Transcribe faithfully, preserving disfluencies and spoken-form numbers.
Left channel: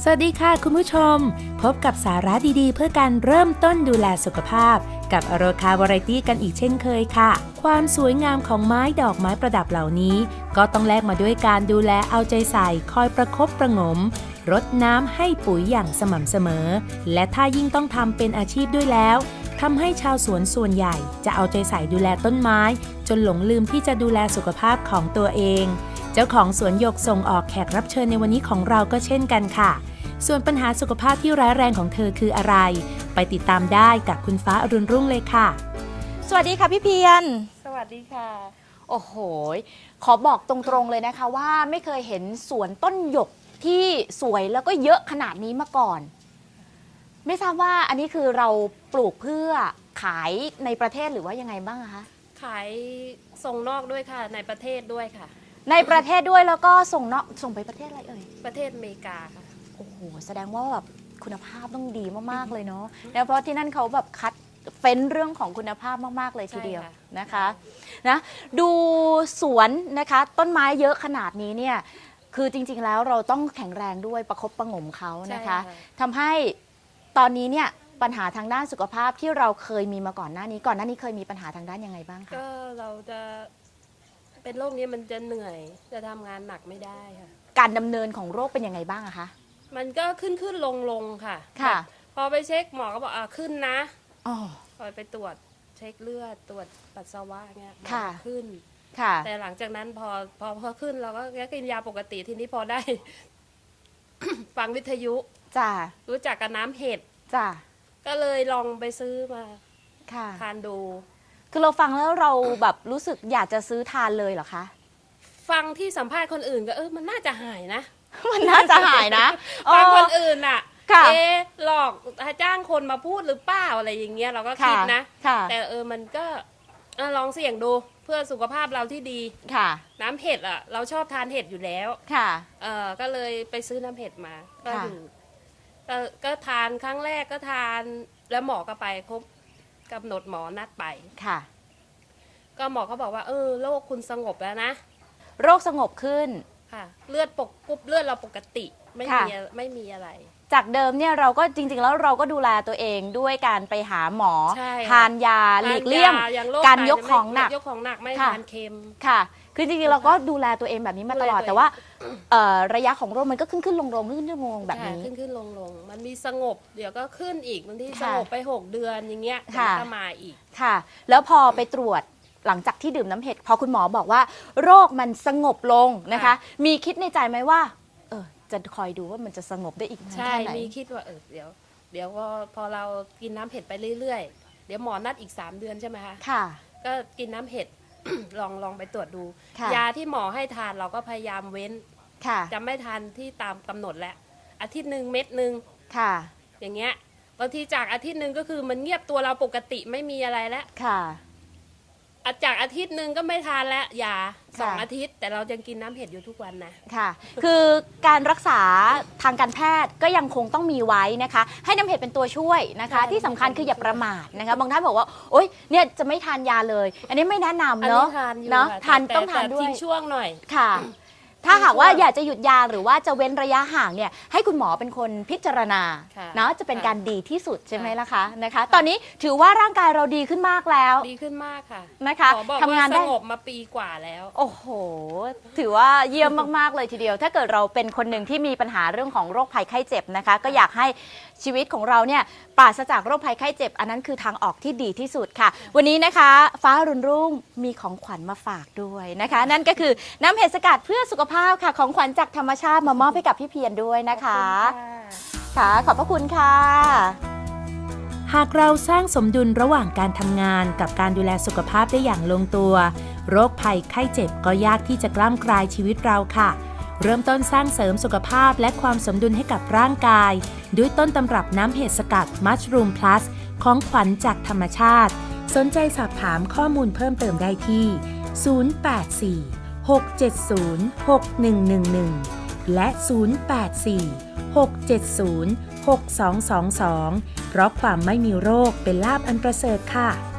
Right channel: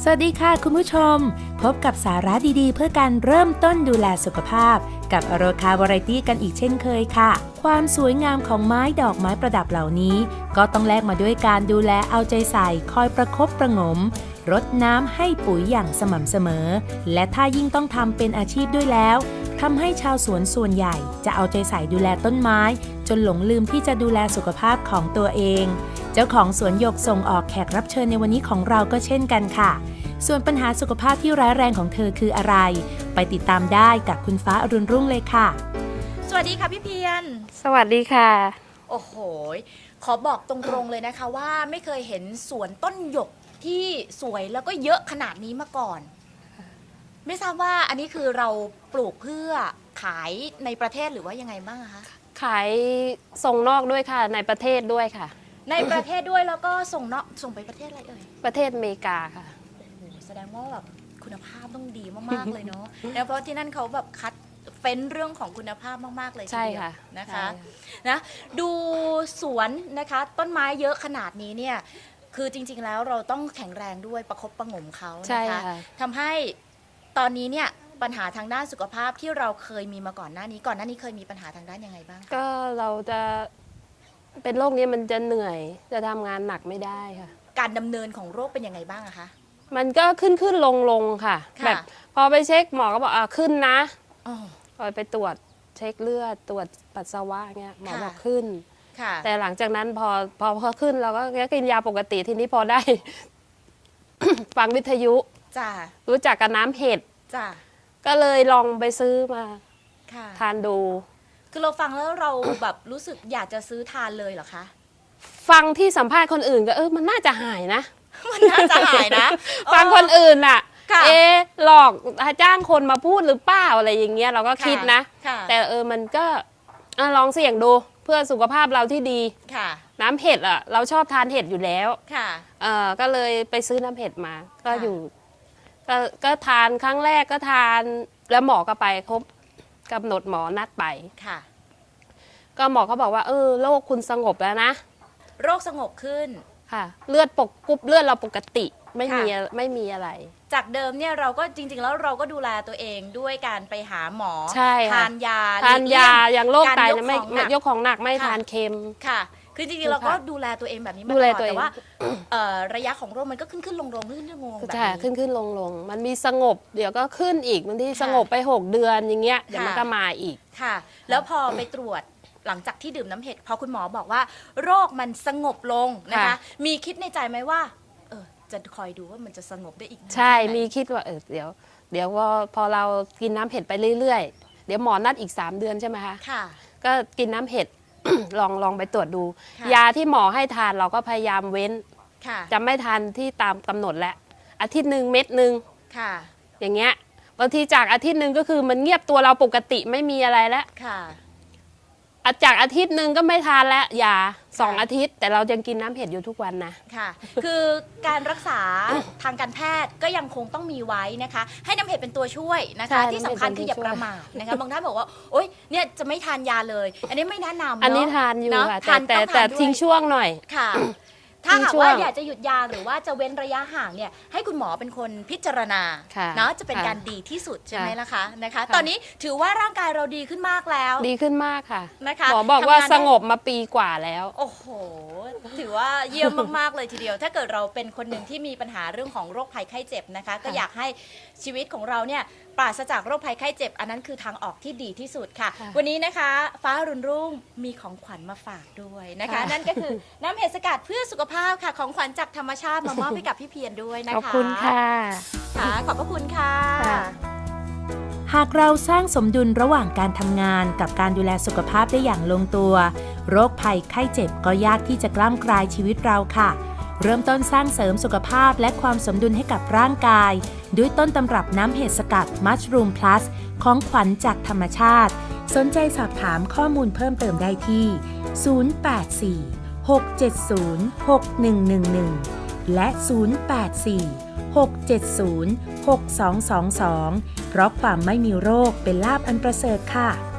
สวัสดีค่ะคุณผู้ชมพบกับสาระดีๆเพื่อการเริ่มต้นดูแลสุขภาพกับอโรคาวาไรตี้กันอีกเช่นเคยค่ะความสวยงามของไม้ดอกไม้ประดับเหล่านี้ก็ต้องแลกมาด้วยการดูแลเอาใจใส่คอยประคบประหงมรดน้ำให้ปุ๋ยอย่างสม่ำเสมอและถ้ายิ่งต้องทำเป็นอาชีพด้วยแล้วทำให้ชาวสวนส่วนใหญ่จะเอาใจใส่ดูแลต้นไม้จนหลงลืมที่จะดูแลสุขภาพของตัวเองเจ้าของสวนหยกส่งออกแขกรับเชิญในวันนี้ของเราก็เช่นกันค่ะส่วนปัญหาสุขภาพที่ร้ายแรงของเธอคืออะไรไปติดตามได้กับคุณฟ้าอรุณรุ่งเลยค่ะสวัสดีค่ะพี่เพียรสวัสดีค่ะโอ้โหขอบอกตรงๆเลยนะคะว่าไม่เคยเห็นสวนต้นหยกที่สวยแล้วก็เยอะขนาดนี้มาก่อนไม่ทราบว่าอันนี้คือเราปลูกเพื่อขายในประเทศหรือว่ายังไงบ้างคะขายส่งนอกด้วยค่ะในประเทศด้วยค่ะในประเทศด้วยแล้วก็ส่งนอกส่งไปประเทศอะไรเอ่ยประเทศอเมริกาค่ะโอ้โหแสดงว่าแบบคุณภาพต้องดีมากๆเลยเนาะเพราะที่นั่นเขาแบบคัดเฟ้นเรื่องของคุณภาพมากๆเลยทีเดียวนะคะนะดูสวนนะคะต้นไม้เยอะขนาดนี้เนี่ยคือจริงๆแล้วเราต้องแข็งแรงด้วยประคบประหงมเขานะคะทำให้ตอนนี้เนี่ยปัญหาทางด้านสุขภาพที่เราเคยมีมาก่อนหน้านี้ก่อนหน้านี้เคยมีปัญหาทางด้านยังไงบ้างคะก็เราจะเป็นโรคนี้มันจะเหนื่อยจะทำงานหนักไม่ได้ค่ะการดำเนินของโรคเป็นยังไงบ้างอะคะมันก็ขึ้นขึ้นลงลงค่ะแบบพอไปเช็คหมอก็บอกอ่าขึ้นนะพอไปตรวจเช็คเลือดตรวจปัสสาวะเงี้ยหมอบอกขึ้นแต่หลังจากนั้นพอพอพอขึ้นเราก็กินยาปกติทีนี้พอได้ ฟังวิทยุจ้ารู้จักกับน้ำเห็ดจ้าก็เลยลองไปซื้อมาทานดูคือเราฟังแล้วเราแบบรู้สึกอยากจะซื้อทานเลยเหรอคะฟังที่สัมภาษณ์คนอื่นก็เออมันน่าจะหายนะมันน่าจะหายนะฟังคนอื่นอ่ะเออหลอกจ้างคนมาพูดหรือเปล่าอะไรอย่างเงี้ยเราก็คิดนะแต่เออมันก็ลองเสี่ยงดูเพื่อสุขภาพเราที่ดีค่ะน้ำเห็ดอ่ะเราชอบทานเห็ดอยู่แล้วค่ะเออก็เลยไปซื้อน้ำเห็ดมาก็อยู่ก็ก็ทานครั้งแรกก็ทานแล้วหมอก็ไปครบกำหนดหมอนัดไปค่ะก็หมอเขาบอกว่าเออโรคคุณสงบแล้วนะโรคสงบขึ้นค่ะเลือดปกกุ๊บเลือดเราปกติไม่มีไม่มีอะไรจากเดิมเนี่ยเราก็จริงๆแล้วเราก็ดูแลตัวเองด้วยการไปหาหมอทานยาทานยาอย่างโรคไตยกของหนักยกของหนักไม่ทานเค็มค่ะคือจริงๆเราก็ดูแลตัวเองแบบนี้มาตลอดแต่ว่าระยะของโรคมันก็ขึ้นขึ้นลงลงขึ้นขึ้นลงแบบนี้ขึ้นขึ้นลงลงมันมีสงบเดี๋ยวก็ขึ้นอีกบางทีสงบไปหกเดือนอย่างเงี้ยเดี๋ยวมันก็มาอีกค่ะแล้วพอไปตรวจหลังจากที่ดื่มน้ำเห็ดพอคุณหมอบอกว่าโรคมันสงบลงนะคะมีคิดในใจไหมว่าเออจะคอยดูว่ามันจะสงบได้อีกใช่มีคิดว่าเออเดี๋ยวเดี๋ยวพอพอเรากินน้ำเห็ดไปเรื่อยๆเดี๋ยวหมอนัดอีกสามเดือนใช่ไหมคะค่ะก็กินน้ำเห็ด ลองลองไปตรวจดูยาที่หมอให้ทานเราก็พยายามเว้นจะไม่ทานที่ตามกำหนดแล้วอาทิตย์หนึ่งเม็ดหนึ่งอย่างเงี้ยบางทีจากอาทิตย์หนึ่งก็คือมันเงียบตัวเราปกติไม่มีอะไรแล้วจากอาทิตย์หนึ่งก็ไม่ทานแล้วยาสองอาทิตย์แต่เรายังกินน้ำเห็ดอยู่ทุกวันนะค่ะคือการรักษาทางการแพทย์ก็ยังคงต้องมีไว้นะคะให้น้ำเห็ดเป็นตัวช่วยนะคะที่สำคัญคืออย่าประมาทนะคะบางท่านบอกว่าโอ๊ยเนี่ยจะไม่ทานยาเลยอันนี้ไม่แนะนำเนาะอันนี้ทานอยู่ค่ะแต่แต่ทิ้งช่วงหน่อยค่ะถ้าหากว่าอยากจะหยุดยาหรือว่าจะเว้นระยะห่างเนี่ยให้คุณหมอเป็นคนพิจารณาเนาะจะเป็นการดีที่สุดใช่ไหมล่ะคะนะคะตอนนี้ถือว่าร่างกายเราดีขึ้นมากแล้วดีขึ้นมากค่ะนะคะหมอบอกว่าสงบมาปีกว่าแล้วโอ้โหถือว่าเยี่ยมมากๆเลยทีเดียวถ้าเกิดเราเป็นคนหนึ่งที่มีปัญหาเรื่องของโรคภัยไข้เจ็บนะคะก็อยากให้ชีวิตของเราเนี่ยปราศจากโรคภัยไข้เจ็บอันนั้นคือทางออกที่ดีที่สุดค่ะวันนี้นะคะฟ้ารุ่นรุ่งมีของขวัญมาฝากด้วยนะคะนั่นก็คือน้ำเห็ดสกัดเพื่อสุขภาพค่ะของขวัญจากธรรมชาติมามอบให้กับพี่เพียรด้วยนะคะขอบคุณค่ะค่ะขอบพระคุณค่ะหากเราสร้างสมดุลระหว่างการทำงานกับการดูแลสุขภาพได้อย่างลงตัวโรคภัยไข้เจ็บก็ยากที่จะกล้ำกลายชีวิตเราค่ะเริ่มต้นสร้างเสริมสุขภาพและความสมดุลให้กับร่างกายด้วยต้นตำรับน้ำเห็ดสกัด Mushroom Plus ของขวัญจากธรรมชาติสนใจสอบถามข้อมูลเพิ่มเติมได้ที่ศูนย์ แปด สี่ หก เจ็ด ศูนย์ หก หนึ่ง หนึ่ง หนึ่งและศูนย์ แปด สี่ หก เจ็ด ศูนย์ หก สอง สอง สองเพราะความไม่มีโรคเป็นลาภอันประเสริฐค่ะ